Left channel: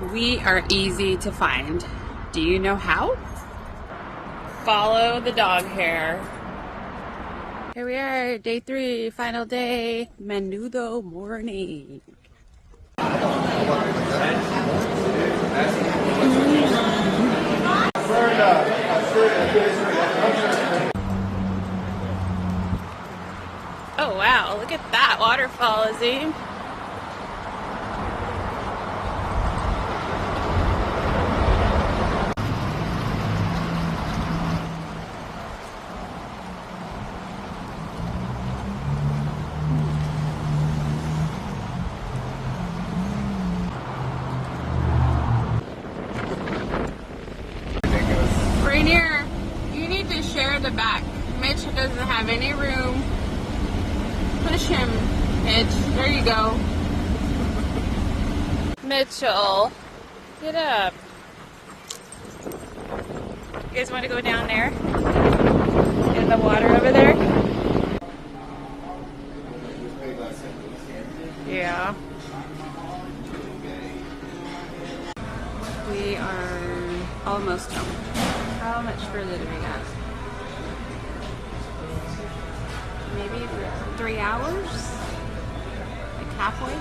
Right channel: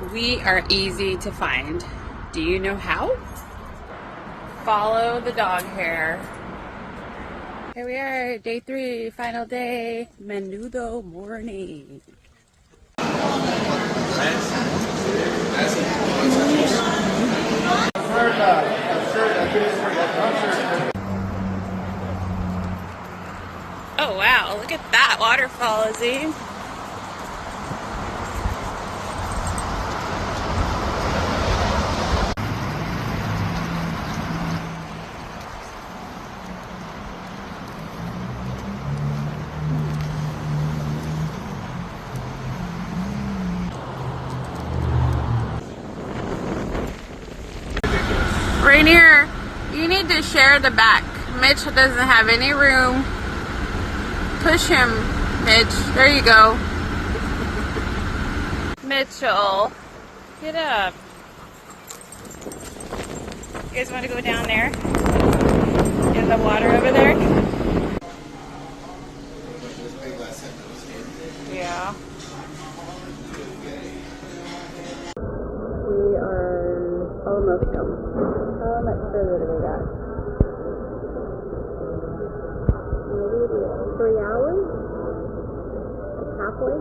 We are easy to find. Do you know how? Follow the dog hair. Here we are, day 3, final day, menudo morning. Oh wow, look at that waterfall, Izzy. Rainier, you need to share the back. Mitch doesn't have any room. Push him, Mitch. There you go. Mitchell, get up. You guys want to go down there? In the water over there? Yeah. We are almost home. How much further do we got? Maybe 3 hours? Like halfway?